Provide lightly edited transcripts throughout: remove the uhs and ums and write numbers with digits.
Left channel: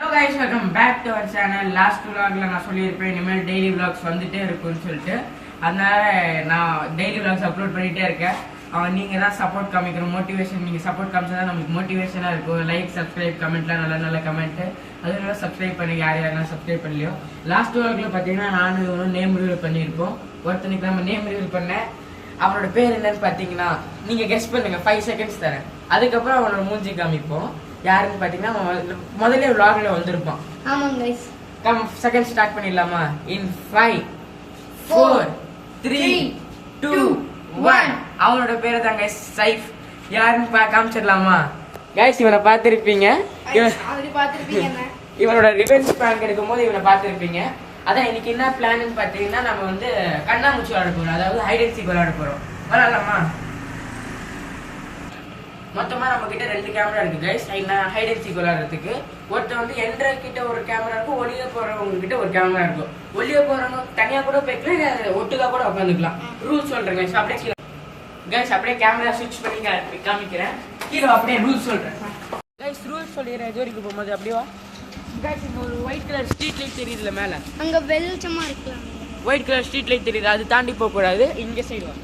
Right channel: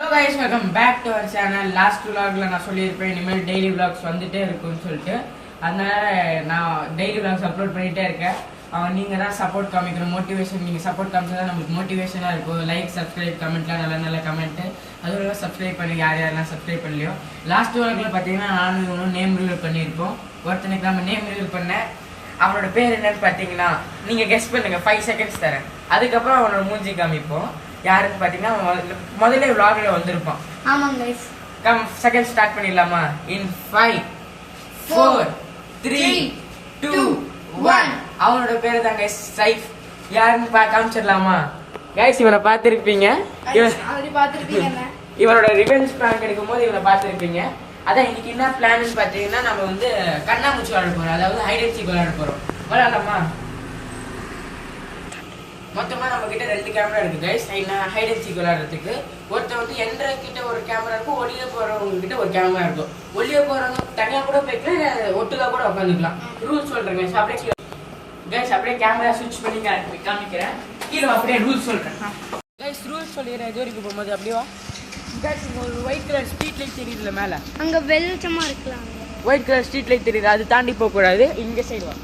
Hello guys, welcome back to our channel. Last vlogல நான் சொல்லியிருப்பேன் இனிமேல் டெய்லி vlogs வந்துட்டே இருக்கும்னு சொல்லிட்டு. அதனால நான் டெய்லி vlogs அப்லோட் பண்ணிட்டே இருக்கேன். நீங்க தான் சப்போர்ட் காமிக்கிற மோட்டிவேஷன், நீங்க சப்போர்ட் காமிச்சா நமக்கு மோட்டிவேஷனா இருக்கும். லைக், சப்ஸ்கிரைப், கமெண்ட்லாம் நல்ல நல்ல கமெண்ட். அதுல சப்ஸ்கிரைப் பண்ணி யாரெல்லாம் சப்ஸ்கிரைப் பண்ணலையோ. லாஸ்ட் vlogல பாத்தீங்கன்னா நானும் நேம் ரிவீல் பண்ணியிருப்போம். ஒருத்தனுக்கு நம்ம நேம் ரிவீல் பண்ணேன். அவனோட பேர் என்னன்னு பாத்தீங்கன்னா நீங்க கெஸ் பண்ணுங்க. 5 seconds தரேன். அதுக்கப்புறம் அவனோட மூஞ்சி காமிப்போம். யாருன்னு பாத்தீங்கன்னா முதல்ல vlogல வந்திருப்பான். ஆமாங்க गाइस. கம் செகண்ட் ஸ்டார்ட் பண்ணிடலாமா? இன் 5 4 3 2 1 அவனோட பேர் தான் गाइस சைஃப். யாருன்னு காமிச்சிடலாமா? गाइस இவனை பார்த்திருப்பீங்க. ஆல்ரெடி பார்த்திருப்பீங்க. இவனோட ரிவெஞ்ச் பிராங்க் எடுக்கும்போது இவனை பார்த்திருப்பீங்க. அதான் இன்னைக்கு என்ன பிளான்னு பாத்தீங்கன்னா நம்ம வந்து கண்ணாமூச்சி விளையாட போறோம். அதாவது ஹைட் அண்ட் சீக் விளையாட போறோம். விளையாடலாமா? மொத்தமா நம்ம கிட்ட 2 கேமரா இருக்கு गाइस. ஹைட் அண்ட் சீக் விளையாடுறதுக்கு ஒருத்தர் வந்து என்ற கிட்ட ஒரு கேமரா இருக்கும், ஒளிய போறவங்க கிட்ட ஒரு கேமரா இருக்கும். ஒளிய போறவங்க தனியா கூட போய்க்கலாம், ஒட்டுக்கா கூட உட்காந்துக்கலாம். ரூல்ஸ் சொல்றேன் गाइस. அப்படியே गाइस அப்படியே கேமரா ஸ்விட்ச் பண்ணி காமிக்கிறேன். கீழே அப்படியே ரூல்ஸ் சொல்றேன் गाइस. ரூல்ஸ் சொல்லிடுறேன். இது வரைக்கும் போகும்போது அப்படியே வா गाइस. ஒரு ஒயிட் கலர் ஸ்ட்ரீட் லைட் தெரியுதுல மேல, அங்க வெளிச்சமா இருக்கலாம். ஒயிட் கலர் ஸ்ட்ரீட் லைட் தெரியுது, அது தாண்டி போக கூடாது. இங்க சைடு வா.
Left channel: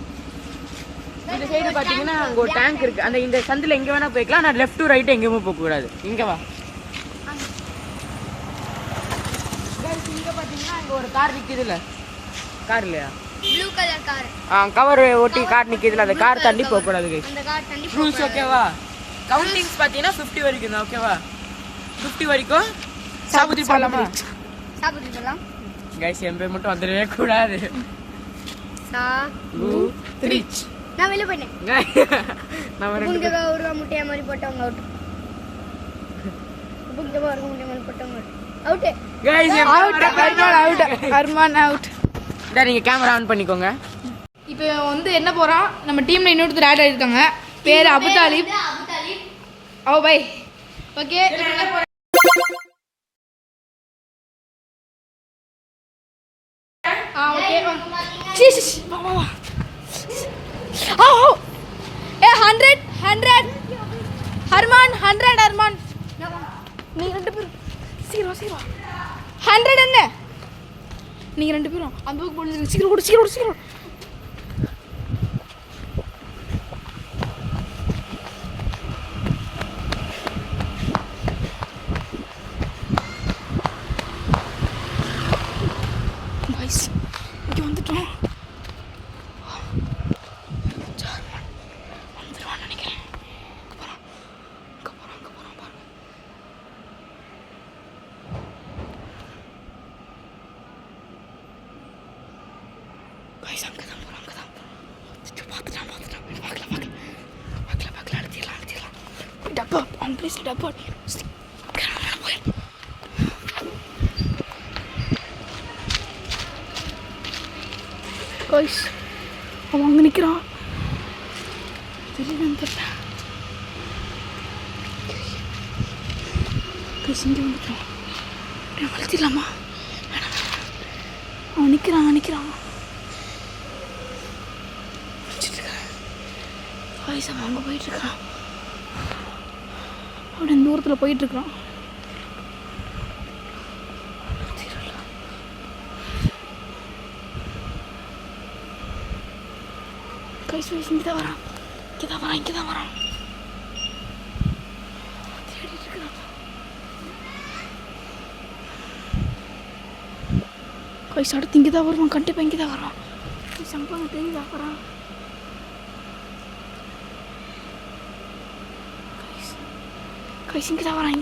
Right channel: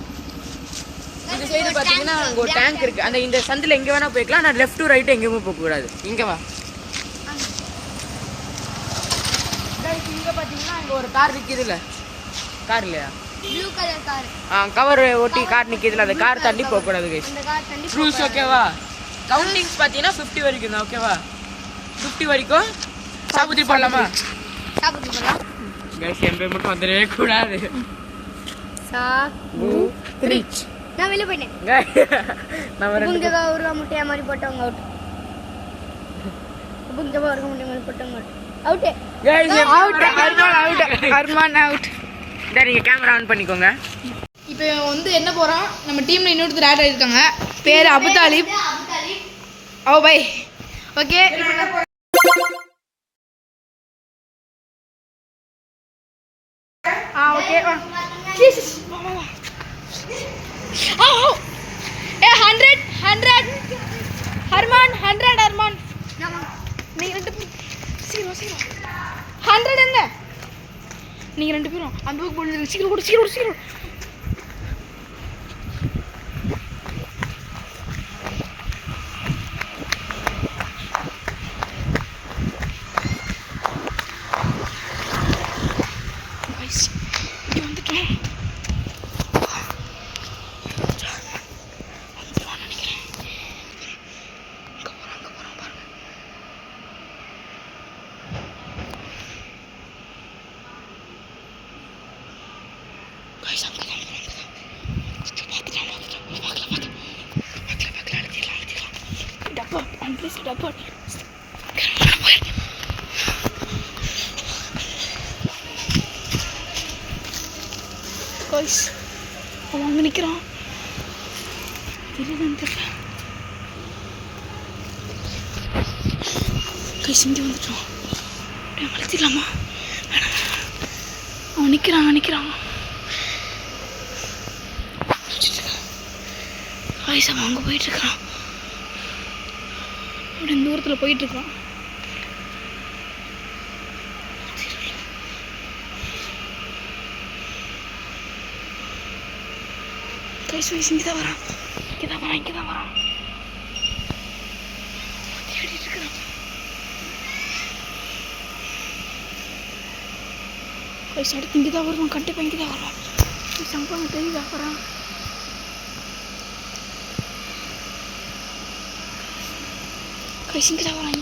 இந்த சைடு பாத்தீங்கன்னா அங்க ஒரு டேங்க் இருக்கு. அந்த இந்த சந்தில எங்க வேணா போய்க்கலாம். நான் லெஃப்ட் டு ரைட் எங்கேயுமே போக கூடாது. இங்க வா गाइस. இங்க பாத்தீங்கன்னா அங்க ஒரு கார் நிக்குதுல, கார் இல்லையா, ப்ளூ கலர் கார். கவர் ஒட்டி கார் நிக்குதுல, அந்த கார் தள்ளி போக கூடாது गाइस. அந்த கார் தள்ளி ரூல்ஸ் ஓகேவா? கவுண்டிங்ஸ் பாத்தீங்கன்னா 50 வரைக்கும் தான். ஓகேவா? 50 வரைக்கும் சாபுத்தி போடலாமா? சாப்பிட்டு போலாம் गाइस. எம்பே மட்டும் வந்துடவே கூடாது. சா 2 3 நான் வெளிய போயிட்டேன். நம்ம ரெண்டு புங்கவா ஒரு முட்டைய மாதிரி போட்டவங்க அவுட். புங்கவா ஒரு முட்டைய மாதிரி போட்டவங்க out. Guys out. Arman out. டேய் நீங்க கேமரா ஆன் பண்ணிக்கோங்க. இப்போ வந்து என்ன போகிறோம், நம்ம டீமில் இன்னொருத்தர் ஆட் ஆகிருக்காங்க. பேர் Abutalib. Oh bye. Okay okay. ஏ 100 ஹர்மான் 100 ஹர்மான். நீங்கள் 2 பேரும் சீக்கிரம் 100 என்ன? நீங்கள் 2 பேரும் அந்த பக்கம் போடுங்க. சீக்கிரம். இங்கே வந்துட்டோம். வந்துடுவான்னு நினைக்கிறேன். அங்கே போகிறோம் பாருங்க. கைஸ் அங்கே தான் போகிறோம். பார்த்துட்டான். பார்க்கலாம் அழுத்திடலாம். டப்பா அவன் ப்ளீஸ் டப்பா. கைஸ் அவன் அங்கே நிற்கிறான். தெரியல கைஸ். இங்கே வந்துட்டோம். அப்படியே வளர்த்திடலாமா? அவன் நிற்கிறான். கைஸ் அவன் அங்கே போயிட்டுருக்கான். அப்படியே தூரத்தில் போயிட்டுருக்கான். கைஸ் இங்கே தான் வரான். தேடிட்டு இருக்கிறான். கைஸ் அடுத்து இங்கே தான் வருவான். கண்டிப்பாக இங்கே தான் வருவான். சம்பாங்க தெரியுதா வரான். கைஸ் இங்கே தான் வரான்.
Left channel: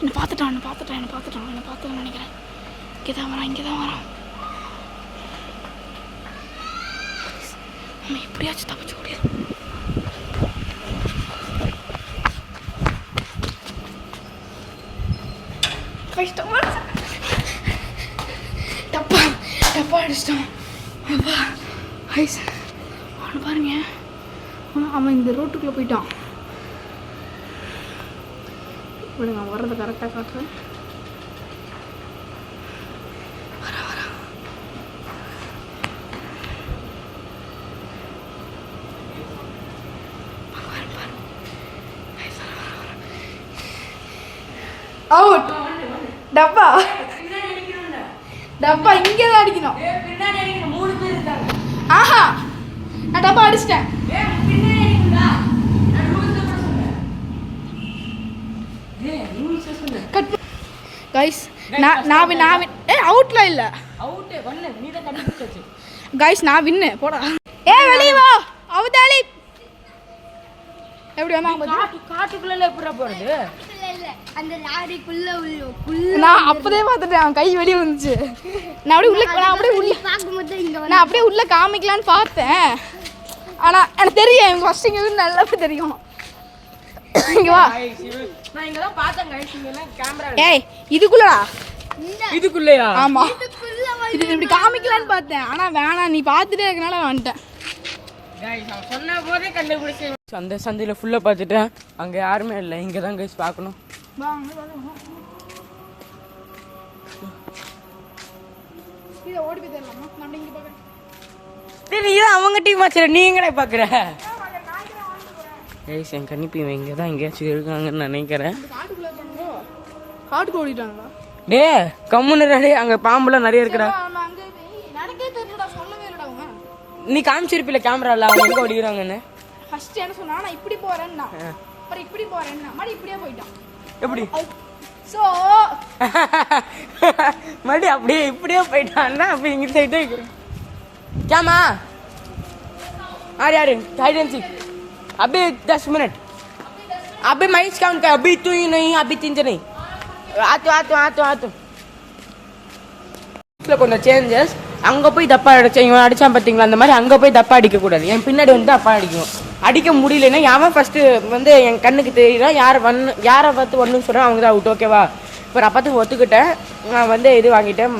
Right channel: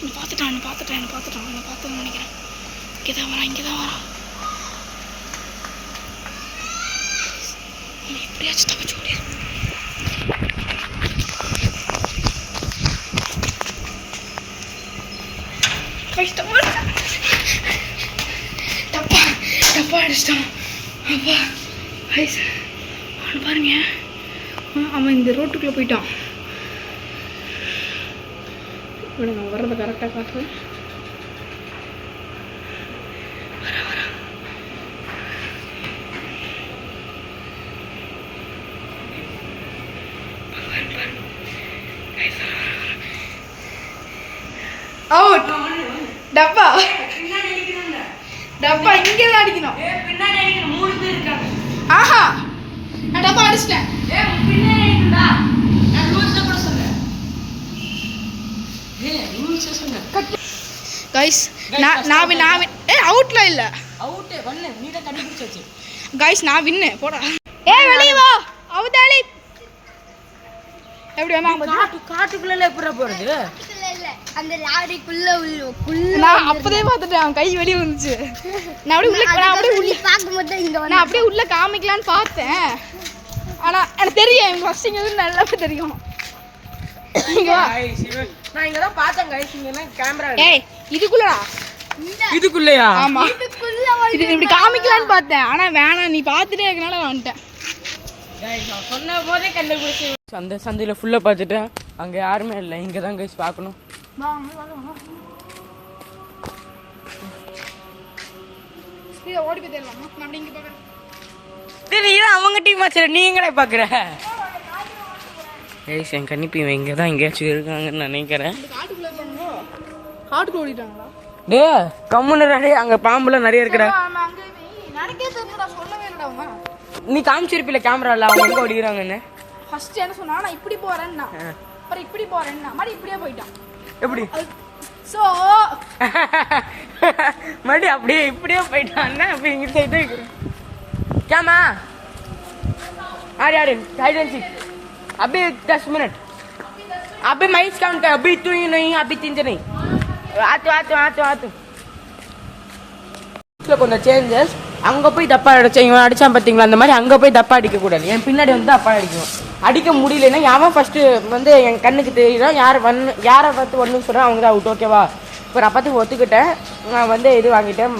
என்னை பார்த்துட்டான் நினைக்கிறேன். இங்கே தான் வரான். எப்படியாச்சும் தப்பிச்சு ஓடிடும். டப்பா அடிச்சிட்டான். அப்பா ஐஸ் அவன் பாருங்க. அவன் இந்த ரோட்டுக்குள்ளே போயிட்டான். இவனுங்க அவன் வர்றதை கரெக்டாக காட்டுறேன். அவுட். டப்பா டப்பா இங்கே தான் அடிக்கணும். பின்னாடி அடிக்கிற 3 பேர் இருக்காங்க. ஆஹா நான் டப்பா அடிச்சிட்டேன். பின்னாடி அடிக்கணும்டா. நான் ரூல்ஸ் கூட சொன்னேன். ரூல்ஸ் சொன்னேன். கைஸ் நான் அவுட்ல இல்ல. அவுட் பண்ணு. நீ தான் கண்டுபிடிச்சாச்சு. கைஸ் நான் வின்னு போடா. வெளிய வா. அவுதாலி. எப்படி வந்தாங்க பாத்து? காட்டுக்குள்ள எப்படி போறது? இல்ல அந்த லாரிக்குள்ள நான் அப்பதே பார்த்துட்டேன். அவன் கை வெளிய வந்துச்சு. நான் அப்படியே உள்ள பாக்கும்போது இங்க நான் அப்படியே உள்ள காமிக்கலான்னு பார்த்தேன். ஆனா எனக்கு தெரியும் ஃபர்ஸ்ட் இங்க இருந்து நல்லாவே தெரியும். இங்க வா. நான் இங்க தான் பார்த்தேன் गाइस. இங்க என்ன கேமரா? ஏய் இதுக்குள்ளடா. இதுக்குள்ளயா? ஆமா. இது இப்படி காமிக்கலான்னு பார்த்தேன். ஆனா வேணாம் நீ பார்த்துட்டே இருக்கனால நான் வந்துட்டேன். गाइस நான் சொன்ன போதே கண்டுபிடிச்சேன். அந்த சந்தில ஃபுல்லா பார்த்துட்டேன். அங்க யாருமே இல்ல. இங்க தான் गाइस பார்க்கணும். ஓடி போய் தேடலாமா? நான் இங்க பார்க்கறேன். தெரியும் அவங்க டீம் வச்சற நீங்களே பாக்குற. गाइस என் கண்ணிப்பி இங்க தான் எங்கேயாச்சும் இருக்காங்கன்னு நினைக்கிறேன். காட்டுக்குள்ள இருக்காங்க. காட்டுக்குள்ள ஓடிட்டாங்களா? டேய் கம்முனரே அங்க பாம்புலாம் நிறைய இருக்குடா. ஆமா அங்க நடக்கே தெரியலடா சொல்லவே இல்லடா அவன். நீ காமிச்சிருப்பில கேமரால அவங்க எங்க ஓடிறாங்கன்னு. ஃபர்ஸ்ட் என்ன சொன்னா நான் இப்படி போறேன்னா. அப்புறம் இப்படி போறேன்னா மறுபடியும் இப்படியே போயிட்டான். எப்படி? சோ மறுபடியும் அப்படியே இப்படியே போயிட்டான்னா அப்ப இங்க சைடு இருக்கு. கேமா यार हाइड एंड सीक अभी 10 मिनट अभी मैं काउंट कर अभी तू ही नहीं अभी 3 जने ஆத்து கொஞ்சம் சேஞ்சஸ். அங்கே போய் தப்பா அடிச்சேன். இவன் அடிச்சான் பார்த்தீங்களா அந்த மாதிரி அங்கே போய் தப்பா அடிக்க கூடாது. என் பின்னாடி வந்து தப்பா அடிக்கணும். அடிக்க முடியலன்னா அவன் ஃபர்ஸ்ட் வந்து என் கண்ணுக்கு தெரியுறான். யாரை பார்த்து ஒன்றுன்னு சொல்கிறேன் அவங்க தான் அவுட். ஓகேவா? இப்போ நான் பார்த்து ஒத்துக்கிட்டேன். நான் வந்து இது வாங்கிட்டேன்.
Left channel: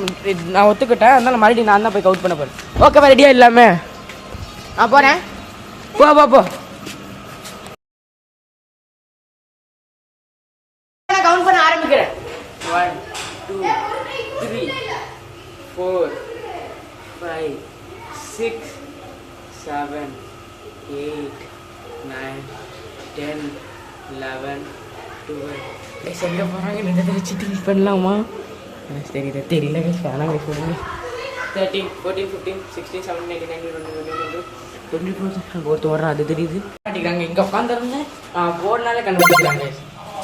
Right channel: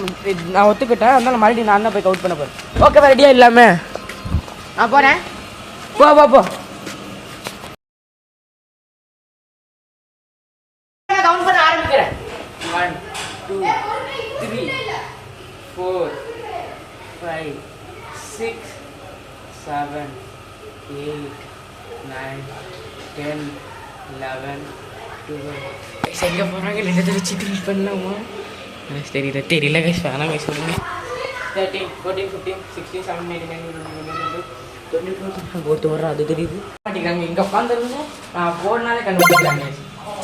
நான் ஒத்துக்கிட்டேன். அதனால மறுபடியும் நான் தான் போய் அவுட் பண்ண போகிறேன். ஓகேவா? ரெடியா இல்லாம நான் போகிறேன். போ கவுண்ட் பண்ண ஆரம்பிக்கிறேன். 1 2 3 4 5 6 7 8 9 10 11 12 எங்க போறாங்க? ரெண்டு தடவை சிட்டிங் பண்ணலாமா? எனக்கு தெரியல கைஸ். வேணாம் கைஸ். 13 14 15 16 17 18 19 20 ஒருத்தர் வர்ற அது தெரியுது. அடிக்கிறாங்க இங்க உட்காந்துருந்து போனாலே கண்டுபிடிக்கிறாங்க.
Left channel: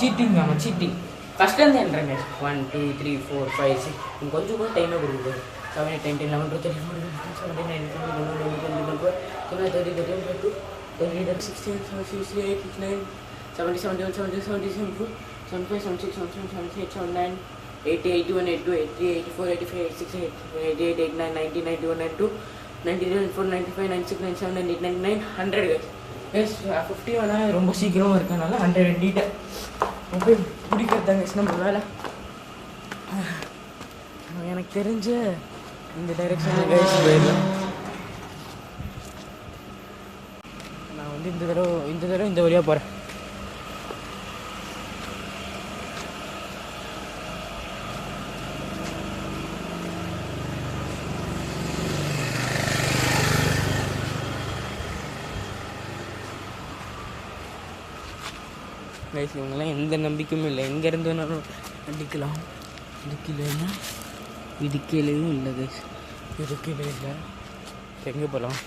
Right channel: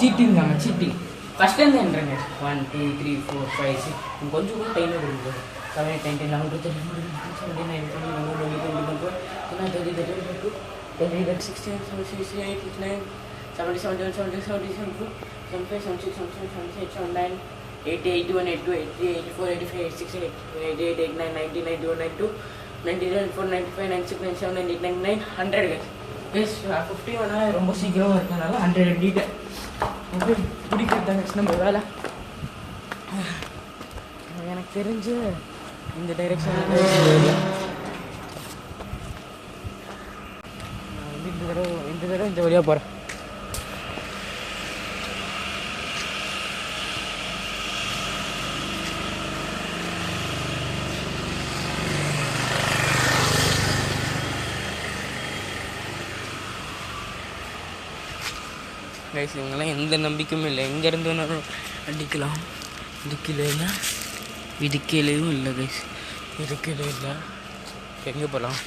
சீட்டிங் ஆமா சீட்டிங். ஃபர்ஸ்ட் வந்து என்றங்க 1 2 3 4 5 6 கொஞ்சம் கூட டைம் கொடுங்க. 7 8 9 10 11 12 13 14 15 16 17 18 19 20 21 22 23 24 25 26 27 28 29 30 31 32 33 34 35 36 37 38 39 40 41 42 43 44 45 46 47 48 49 50 51 52 53 54 95 96 97 98 99 100 guys 50 வந்தா ரொம்ப சீக்கிரமா இருக்கனால 100 எடிட்டர் ஓகே பிடிக்கிறதாங்க நம்ம வேலை. எனக்கு தெரிஞ்சு இந்த டைரக்ஷன்ல நான் வந்து இந்த தடவை இந்த வழியா போறேன். கைஸ் இவங்கெல்லாம் எந்த நம்பிக்கையும் இல்லை. எங்கேருந்து வேணாலும் அடிக்கலாம். இதுக்கில்லைன்னா இதுக்கிலையும் இல்லை கைஸ். இதுக்கிலே இல்லை. எங்கே போகலாம்?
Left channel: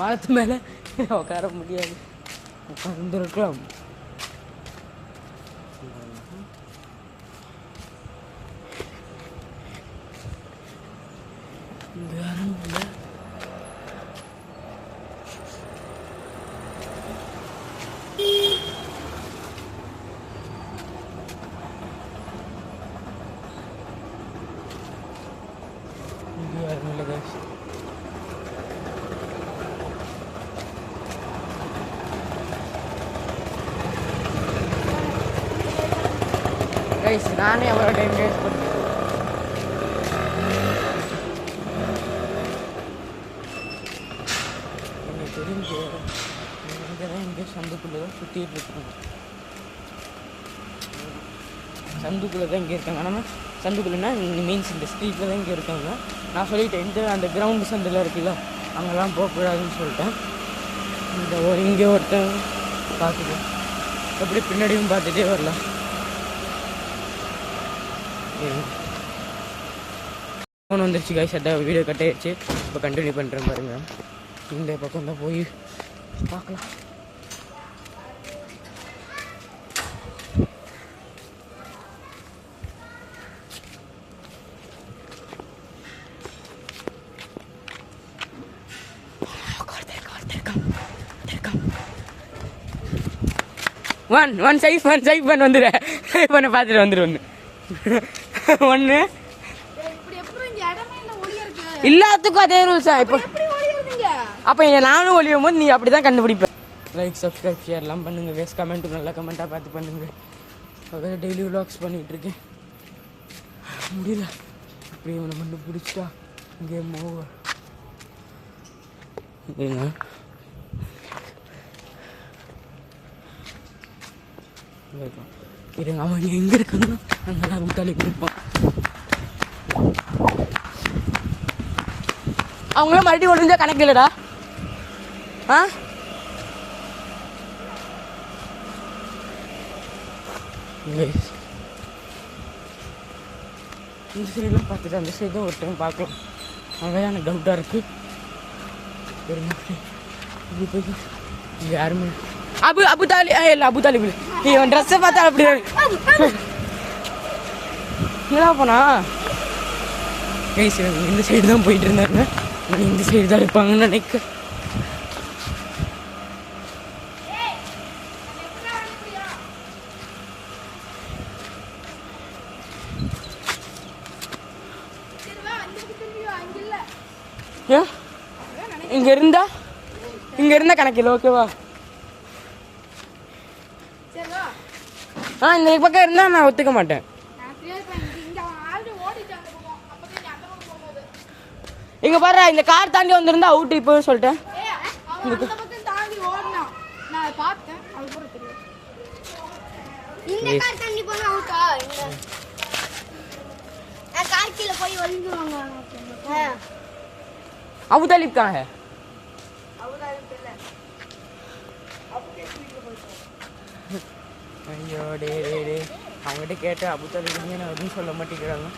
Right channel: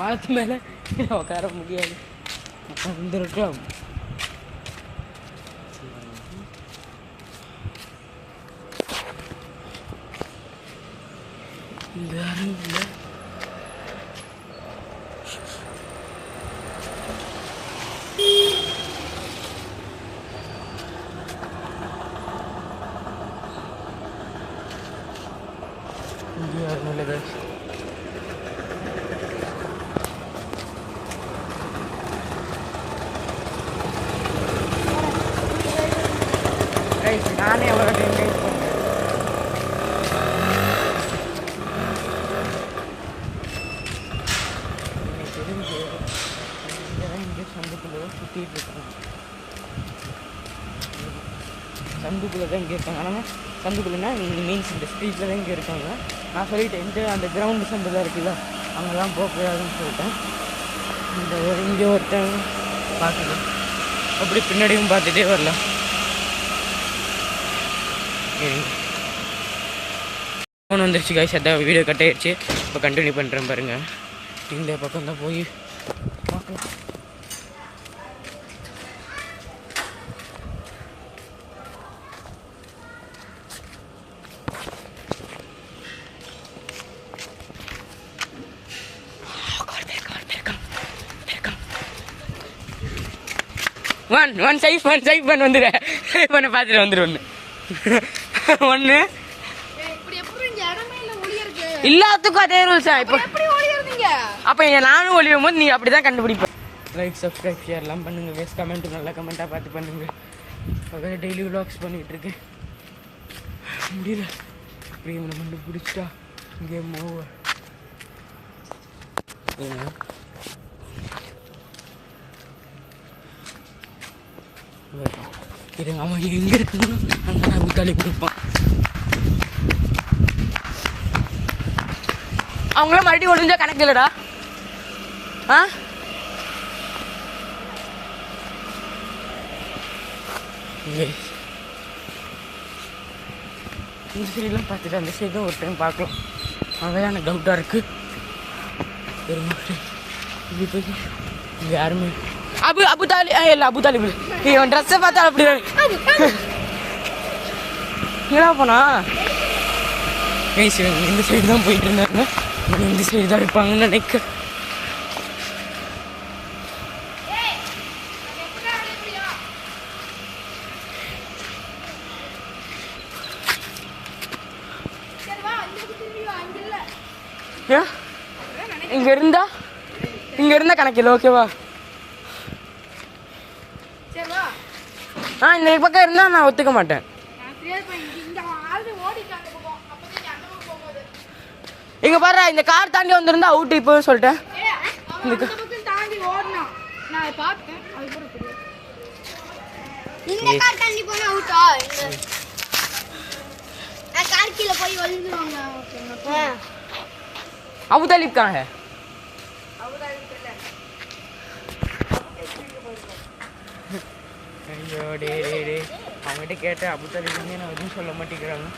மரத்து மேலே உட்கார முடியாது. உட்காந்துருக்கலாம். யாரும் இல்லை. இங்கே யாரும் இல்லை கைஸ். கைஸ் நானே எவ்வளோ டைம் வேஸ்ட் பண்ணேன். தெரிஞ்சு இங்கே தான் இங்கே சந்துக்குள்ளே தான் சுற்றிட்டு இருக்காங்க. சந்துக்குள்ளே தான் இங்கே இருக்காங்க. ஆனால் சந்துக்குள்ளேன்னா இங்கே மீன்ஸ் இந்த ஸ்ட்ரீட்டில் தான் இங்கே இருக்காங்க. நான் சொல்லிட்டேன் இந்த அந்த கிரவுண்டு சந்தில் இருக்குல்ல அங்கெல்லாம் போகக்கூடாதுன்னு சொல்லிட்டேன். இங்கே ஒருத்தன் பார்த்துட்டு அப்படி பின்னாடியும் பார்த்துட்டே வரலாம். ஃபோன் வந்துருச்சு கைஸ், அதான் வீடியோ கட் ஆயிடுச்சு. இப்போ கண்டினியூ பண்ணுறேன் பாருங்கள். இந்த பக்கம் தான் போய் பார்க்கலாம். ஒன் சைஃப் பண்ண வந்துடு. பண்ண பார்த்துட்டு வந்துடு. ஒன்று எல்லாத்துக்கும் அதே ரூல்ஸ் தான். இப்போ அப்போ நானும் ஒழியும் போது நீ அப்படி தான் கண்டுபிடிப்பேன். லைக் சப்ஸ்கிரைப் ஷேர்லாம் பண்ணுங்கள். வேஸ்ட் கமெண்ட்டு நல்லா கமெண்ட்டாக பார்த்து பண்ணுங்கள். அதாவது டெய்லி விலாக்ஸ் பண்ணிகிட்டு இருக்கேன். முடியல அப்படியே இவனை மட்டும் பிடிச்சா கேம் ஓவர். இது அவன் எங்கே இருக்குன்னு அந்த நான் ஊட்டாளி கொடுப்பான். அவங்களாம் மறுபடியும் ஒழிஞ்சா கணக்கு இல்லடா. இந்த சைடெலாம் பார்த்துட்டு அந்த சைடு தான் ஒரு டைம் பார்க்கலாம். அதான் எனக்கு டவுட்டாக இருக்குது. இப்படி போய் இங்கே யாருமே அபுதாலி இல்லை அபுதாலி இவன் ட்ரெஸ்ஸை பார்த்தா அப்படி என்ன போனா இந்த சைடு தான் போயிட்டு இருந்தாங்க. இந்த சைடு தான் இருப்பாங்கன்னு நினைக்க. இங்க இருந்தா கணக்கில்லை. ஓகேவா? இந்த பக்கம் இருந்தா நான் ஒத்துக்க மாட்டேன். இங்க பாரு, இந்த கார் தாண்டி வந்திருந்தா அவுட். இப்போ சொல்லிட்டேன். अबू तालिब कहाँ है? ஐயோ டே அவங்ககிட்ட கேட்டேன். அபு தாலிப் நான் எதுவும் சொல்ல மாட்டேங்கிறாங்க.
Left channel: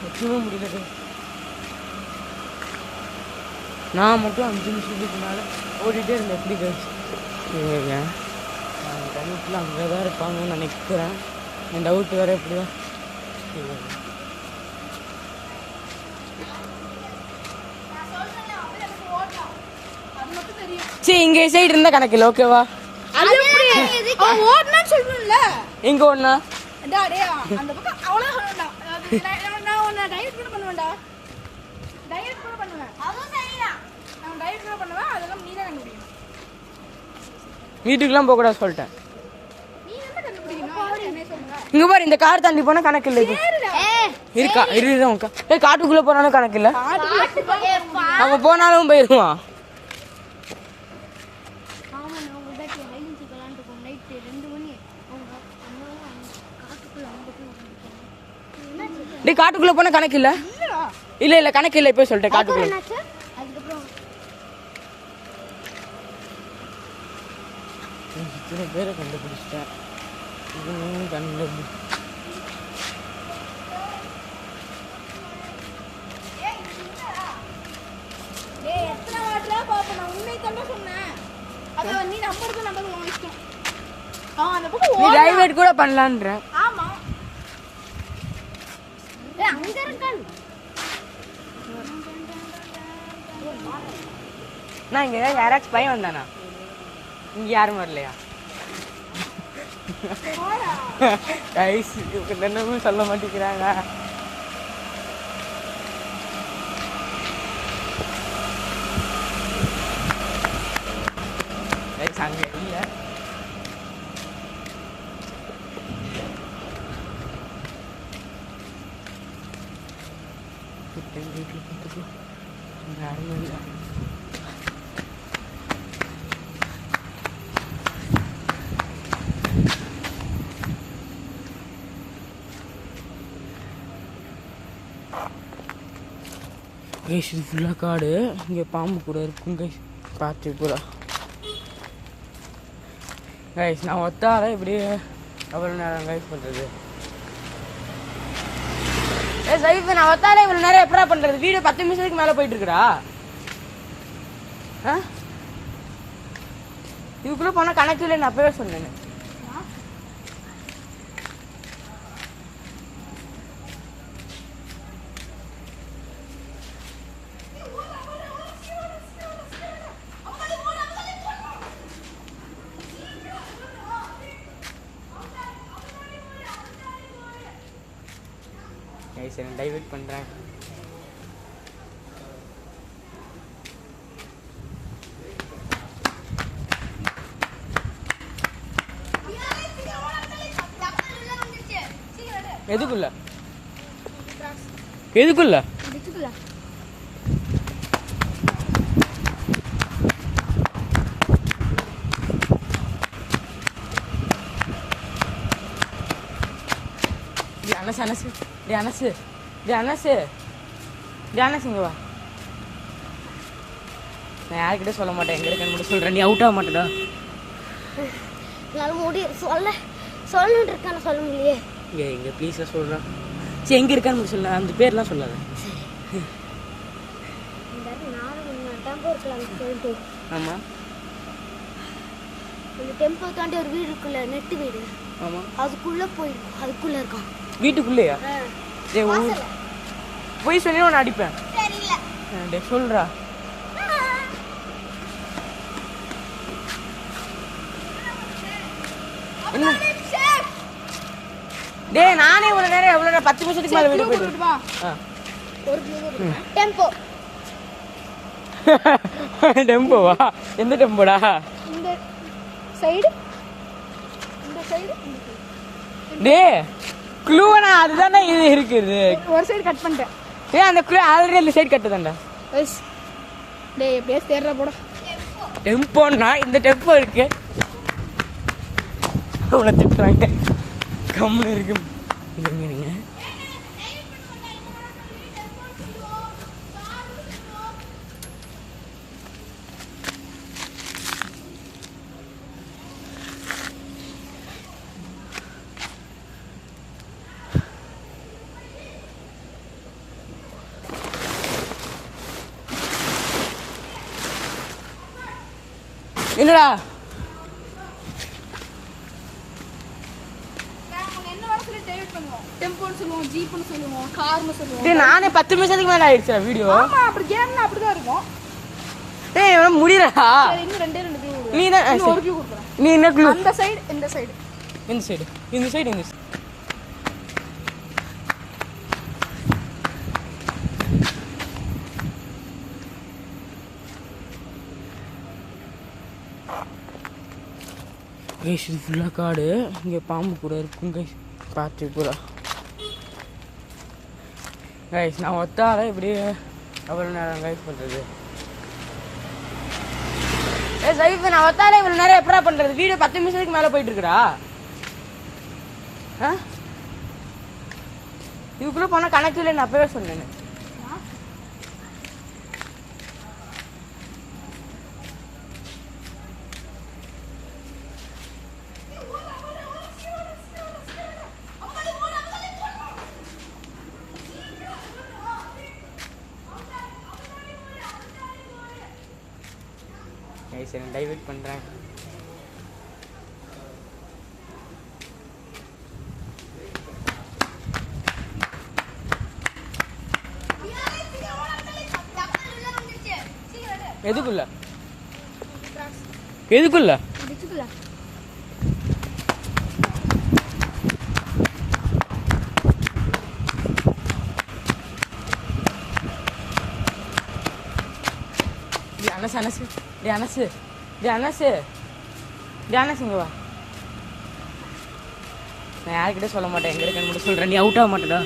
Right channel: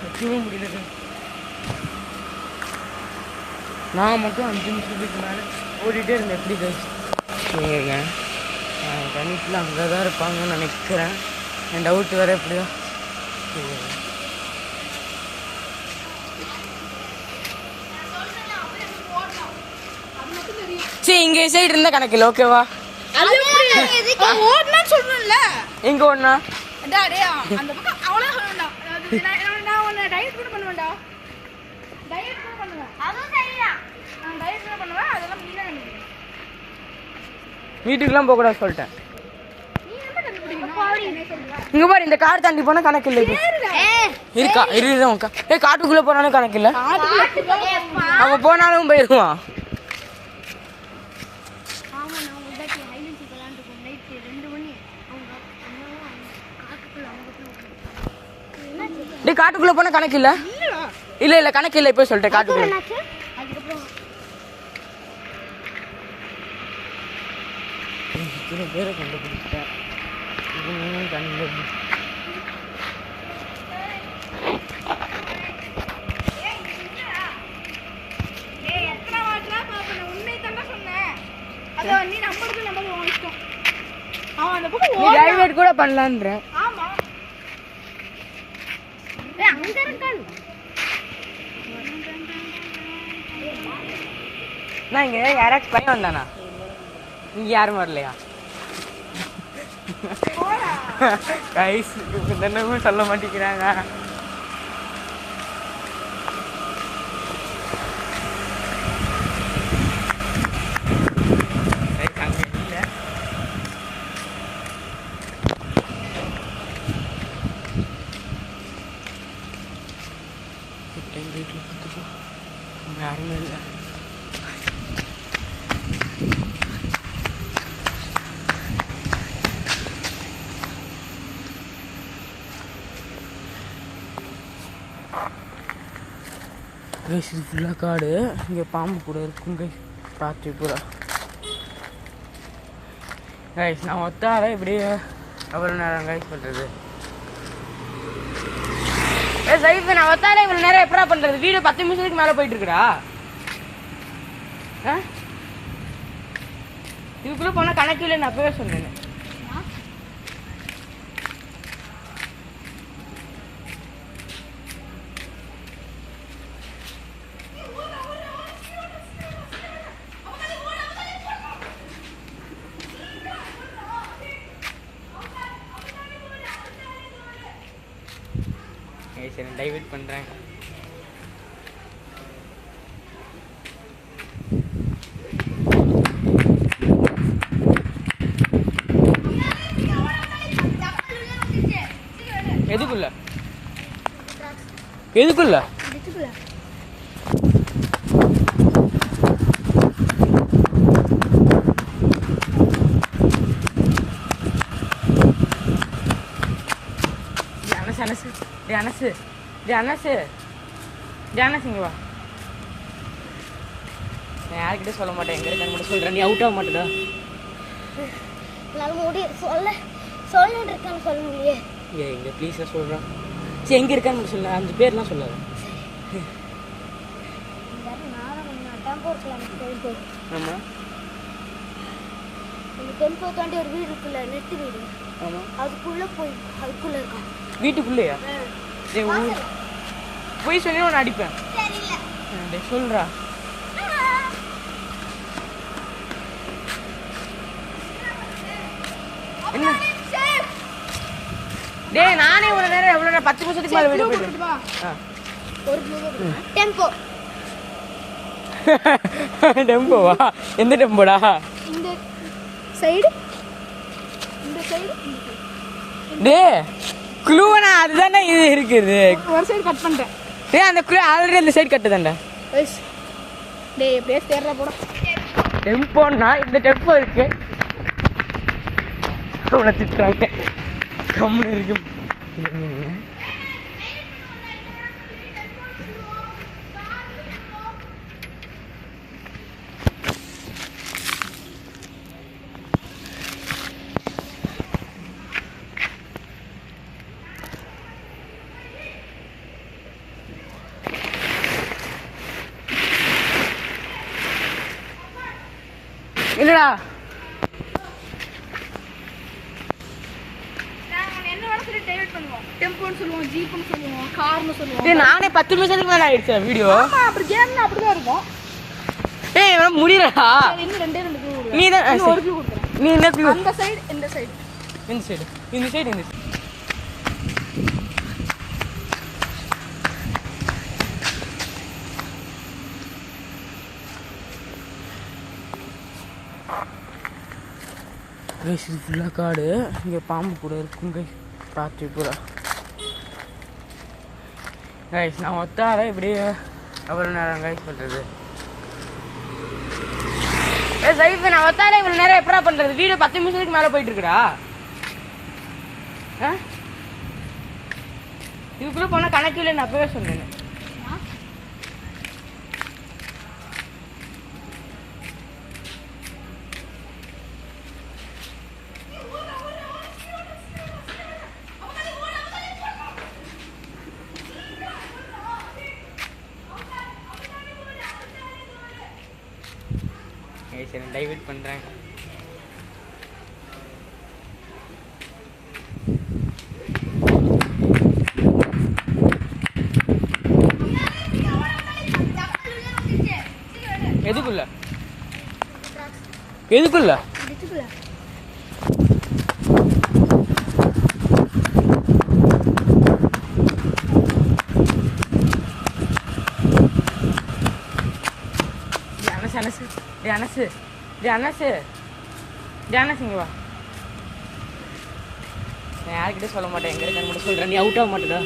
கட்டவே முடியல. நாங்கள் மட்டும் 5 நிமிஷத்துக்கு மேலே ஓடிட்டே இருந்தேன். எப்படி கேங்க பண்ணிட்டுல அங்கே தான் இருப்பாங்கன்னு நினைக்கிறேன். என் டவுட் வேறு எப்படியா. சரி, இங்கே சைடு இருந்தால் கணக்கில்லை. ஓகேவா? எங்க ஒண்ணா வீட்டுக்குலாம் போக கூடாது சொல்லிட்டேன். இங்க பாரு, இந்த கார் தாண்டி போனா கணக்கு இல்லை. இருக்கா இருக்கா? காட்டுக்குள்ள போனாலும் கணக்கு இல்லை. அவன் போனாலும் போயிருவான். காட்டுக்குள்ள போனா கணக்கு இல்ல. இல்ல கணக்கு இல்ல. இப்ப சொல்லிட்டேன் காட்டுக்குள்ள. பேரை கண்டுபிடிச்சிட்டேன். கூட பண்ணலான்ற. நான் இங்க யாராச்சும் பையன் வந்தானா? இங்க யாரும் வரலையா? சொல்ல மாட்டேங்கிறாங்க. யாருமே இல்லை. கைஸ் இது ஃபுல்லாக காடு. இங்கே பாம்பு கூட இருக்கும் கைஸ். பார்த்து பூரா கைஸ் நான் ஒத்தார இப்படியே எவ்வளோ நேரம் கைஸ் பண்ணுறது. சைஃப் நான் ஒத்தார இவ்வளோ நேரம் எப்படா பண்ணுறது? வீடியோ 10 நிமிஷத்துக்கு மேலே போயிட்டு இருக்கிறா. இதுக்குள்ளே போனால் கணக்கு இல்லை. நான் அப்பவே சொன்னேன். சரி டைவர்ட் பண்ணுறேன். எதுக்குள்ள எதுக்குள்ள அனசு அனசு அனசு அனசு இங்க வா. நான் யார்கிட்ட சொல்ல மாட்டேன். எங்க இருக்க மட்டும் சொல்றேன். நீ அவுட் ஆக மாட்டேடா. நான் முடி சொல்லிட்டு இருக்கான சொல்ல முடியே. இங்க ப்ளீஸ் சொல்றேன். சரி எங்க இருக்கான்னு மட்டும் சொல்ல. அந்த பேர்லாம் சொல்லாத. ஆமா இந்த டெம்போ தாண்டி ஒரு வீடு இருக்குல்ல, நெட்டு வீடு. ஆமா அதுக்குள்ள அதுக்குள்ள இருக்கான். வீட்டுக்குள்ளேயா? போய் சொல்லி நான் அடிப்பேன். சொல்றா. என்ன டேய் நானே ஒரு நேரம் எவ்வளவு 10 நிமிஷத்துக்கு மேல வீடியோ போயிட்டேன். ஒரு டெம்போ டெம்போவா? எந்த டெம்போடா? இந்த சைடு டேய் க்ளூனா அதுதானே இது இருக்குது. ஒரு சைடு கட் பண்ணிட்டேன். டேய் அந்த க்ளூ ஆல்ரெடி அந்த சைடு கட்டுதான்டா. டேய் அப்படியே தேர்ற போட. டெம்போனா இந்த டெம்போ இருக்கு. அவனை திட்டுறாங்க. கம்முன்னு இருக்கு. என்னடா டெம்போன்னு சொல்லுவோம், ஜீப்னு சொல்லுவோம், கார்னு சொல்லுவோம். டேய் நானே 10 நிமிஷத்துக்கு மேல ஆயிடுச்சு வீடியோ. ஆமா அப்படி கேம்னா அப்படிதான் இருக்கும். டேய் இவன் முடியலடா. இன்னும் ரெண்டு க்ளூ. நீ தான் ஒரு க்ளூ கொடுக்குறேன். நீ என்ன க்ளூ? இந்த சைடு இந்த சைடு இந்த சைடு இந்த சைடு இந்த சைடு. கைஸ் இது ஃபுல்லாக காடு. இங்கே பாம்பு கூட இருக்கும் கைஸ். பார்த்து பூரா கைஸ் நான் ஒத்தார இப்படியே எவ்வளோ நேரம் கைஸ் பண்ணுறது. சைஃப் நான் ஒத்தார இவ்வளோ நேரம் எப்படா பண்ணுறது? வீடியோ 10 நிமிஷத்துக்கு மேலே போயிட்டு இருக்கிறா. இதுக்குள்ளே போனால் கணக்கு இல்லை. நான் அப்பவே சொன்னேன். சரி டைவர்ட் பண்ணுறேன். எதுக்குள்ள எதுக்குள்ள அனசு அனசு அனசு அனசு இங்க வா. நான் யார்கிட்ட சொல்ல மாட்டேன். எங்க இருக்க மட்டும் சொல்றேன். நீ அவுட் ஆக மாட்டேடா.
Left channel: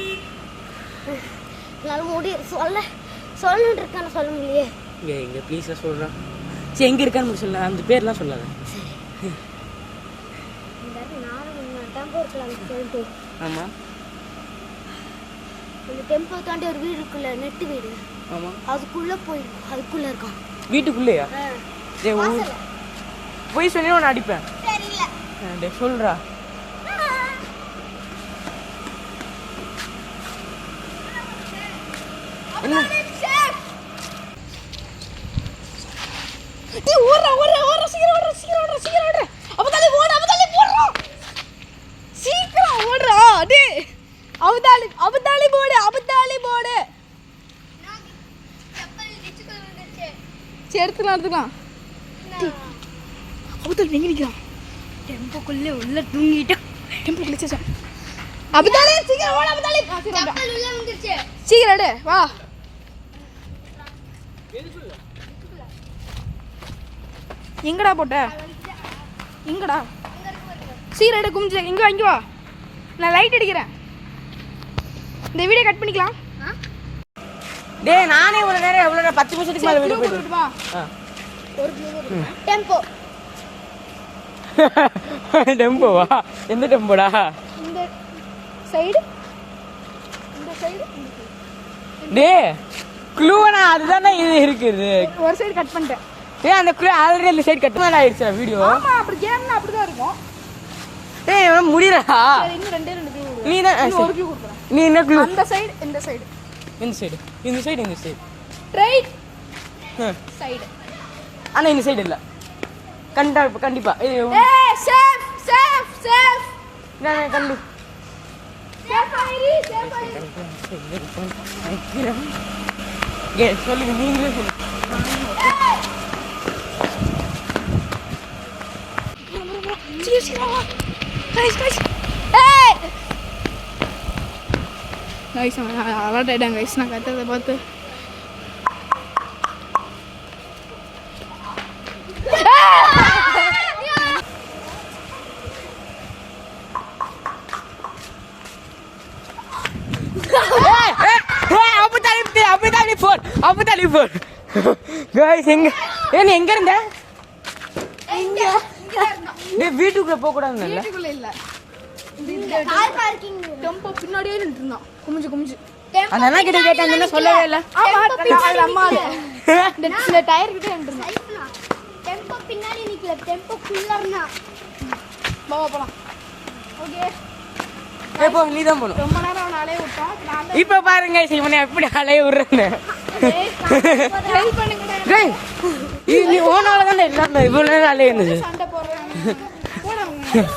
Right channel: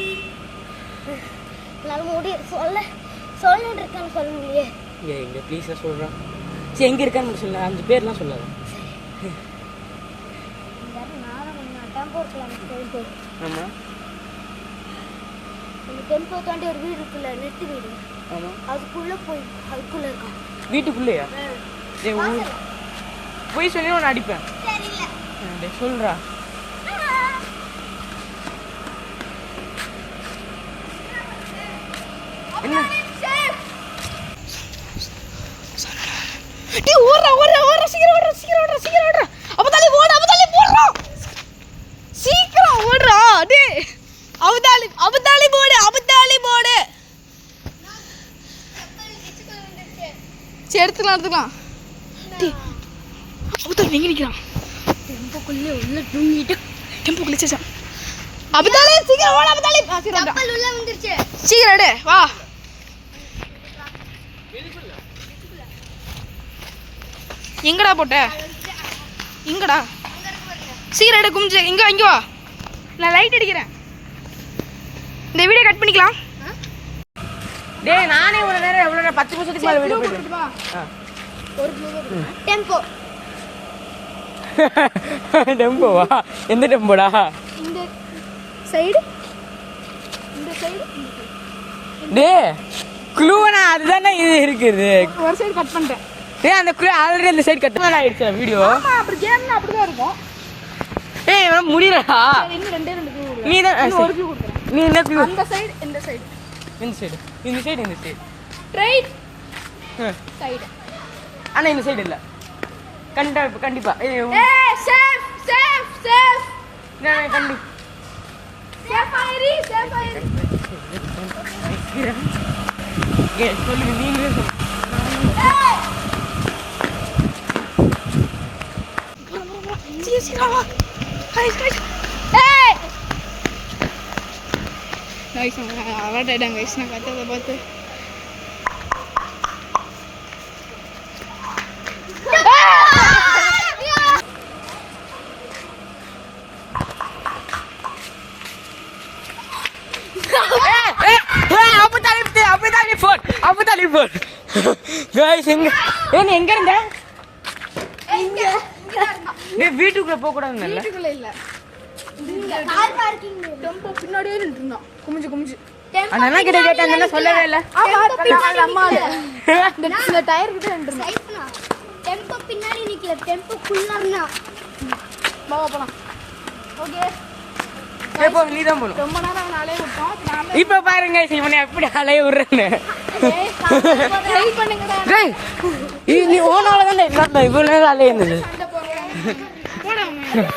நான் முடி சொல்லிட்டு இருக்கான சொல்ல முடியே. இங்க ப்ளீஸ் சொல்றேன். சரி எங்க இருக்கான்னு மட்டும் சொல்ல. அந்த பேர்லாம் சொல்லாத. டெம்போ இருக்குல்ல, ஆமா இந்த டெம்போ தாண்டி ஒரு வீடு இருக்குல்ல, நெட்டு வீடு. ஆமா அதுக்குள்ள போய் அதுக்குள்ள இருக்கான். வீட்டுக்குள்ளேயா? ஏய் ஊர் போய் சொல்லி நான் அடிப்பேன். தெரியல. சொல்றா. என்ன டேய் ஓடுறா ஓடுறா ஓடுறா சீக்கிரம் ஓடுறா சீக்கிரம் ஓடுறா சீக்கிரம் ஓடுறா. அப்பதாலி போடுறா சீக்கிரம் ஓடுறா. டேய் அபதாலி போடு. சரி எடுத்துக்கலாம். டேய் அபதாலி எங்க நிக்கிறான்? டெம்போக்குள்ளே உள்ள தூங்கிட்டு டெம்போக்குள்ளே சேச்சா. அபதாலி சீக்கிரம் ஓடு அபதாலி. கப்பல் உள்ள வந்துருச்சு. சீக்கிரம் எடு வா. எங்கடா போட்ட? எங்கடா? சீக்கிரம் எடு குமிஞ்சு. இங்க வா. நான் லைட் அடிக்கிறேன். இந்த வீடியோ கட் பண்ணிக்கலாம். டேய் நானே இவ்வளவு நேரம் எவ்வளவு 10 நிமிஷத்துக்கு மேல வீடியோ போயிட்டு. ஒரு ப்ளூ டெம்போ. டெம்போவா? எந்த டெம்போடா? இந்த சைடு டேய் க்ளூனா அதுதானே இது இருக்குது. ஒரு சைடு கட் பண்ணிட்டேன். டேய் அந்த க்ளூ ஆல்ரெடி இந்த சைடு கட் பண்ண ஆயிடுச்சு வீடியோ. ஆமா அப்படி கேம்ல அப்படிதான் இருக்கும். டேய் இவன் முடியறடா. இன்னும் ரெண்டு க்ளூ. நீ தான் ஒரு க்ளூ கொடுக்குறேன். நீ என்ன க்ளூ? இந்த சைடு இந்த சைடு இந்த சைடு ரைட் சைடு. ஆனா இந்த சைடு இல்ல. கண்டிப்பா ஏய் சேஃப் நான் கண்டு சேஃபாயிரி சொல்லுங்க நீங்களே சொல்லுங்க. அலர்ட் ஆயிட்டாங்க கைஸ். நான் கட்டுறதை பார்த்து அப்பதாலி போன் கைஸ் எங்க இருந்த? வீட்டுக்குள்ள போக கூடாதுன்னு வீட்டுக்குள்ள இல்ல. கார் பார்க்கிங் டெம்போ பின்னாடியே நின்று இருந்தான் குமிஞ்சு. அந்த அண்ணா கிட்ட கேட்டேன். அந்த அண்ணா சொல்லவே இல்ல. ஆமா அது அம்மா இந்த டயர் கிட்ட நின்று இருந்தான். டெம்போ பின்னாடி நிக்கல, டெம்போ குள்ள இருந்தா. வா போலாம். ஓகே எப்போ நீ தான் போணும். ரொம்ப நேரம் அவன் அலைய விட்டான். நான் இப்ப பாருங்க சிவனே எப்படி அலைய விடுறேன்னு. ட்ரை பண்ணுங்கடா. டேய் இது நீ ஓனால தான் இவ்வளவு நேரம் அலைய இருந்தது. சண்டை போடுறேன். போடுங்க.